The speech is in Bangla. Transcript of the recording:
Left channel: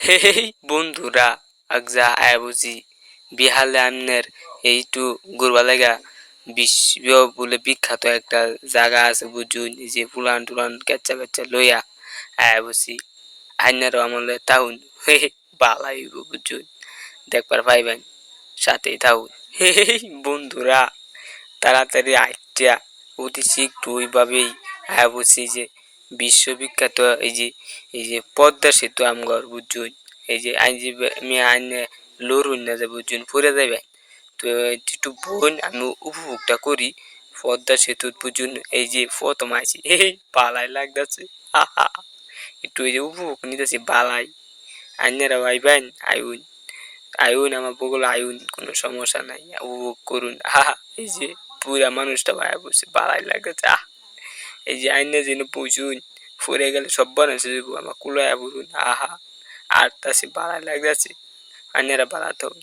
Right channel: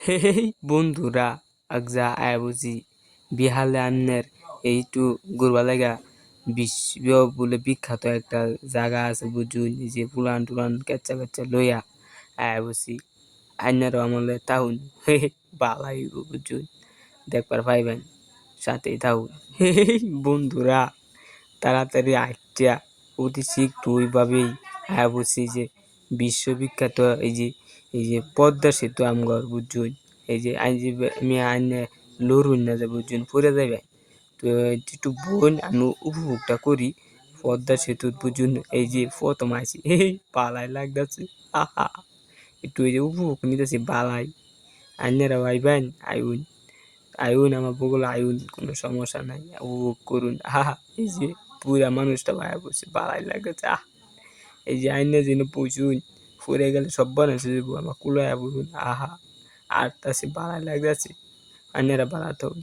হেই বন্ধুরা, আগজা আয়া বুঝি বিহালে আমনের এইটু ঘুরবা লাগা বিশ্ব বলে বিখ্যাত একটা জায়গা আছে বুঝুন, এই যে পুলান টুলান কেচ্চা কেচ্চা লইয়া আয়া বুঝি আইনারও আমলে তাহুন হে বালাই বুঝুন দেখবার পাইবেন, সাথেই থাকুন। হেই বন্ধুরা, তাড়াতাড়ি আইটা অতি শীঘ্র ওইভাবেই আয়া বুঝছি যে বিশ্ববিখ্যাত এই যে পদ্মা সেতু আমগর বুঝুন, এই যে আইন যে আমি আইনে লড়ুন না যে বুঝুন পড়ে যাবে। তো একটু বোন আমি উপভোগটা করি পদ্মা সেতু বুঝুন, এই যে প্রথম আইছি এই পালাই লাগতেছে। আহা, একটু এই যে উপভোগ নিতেছি বালাই। আইনেরা আইবেন, আইউন আইউন আমার বগল আইউন, কোনো সমস্যা নাই, উপভোগ করুন। আহা, এই যে পুরা মানুষটা ভায়া বসে বালাই লাগতেছে। এই যে আইনে যেন পৌঁছুন, ফুরে গেলে সব বানাইছে আমার কুলায়া বলুন। আহা, আর তাছে বালাই লাগতেছে, আইনেরা বাড়াতে হবে।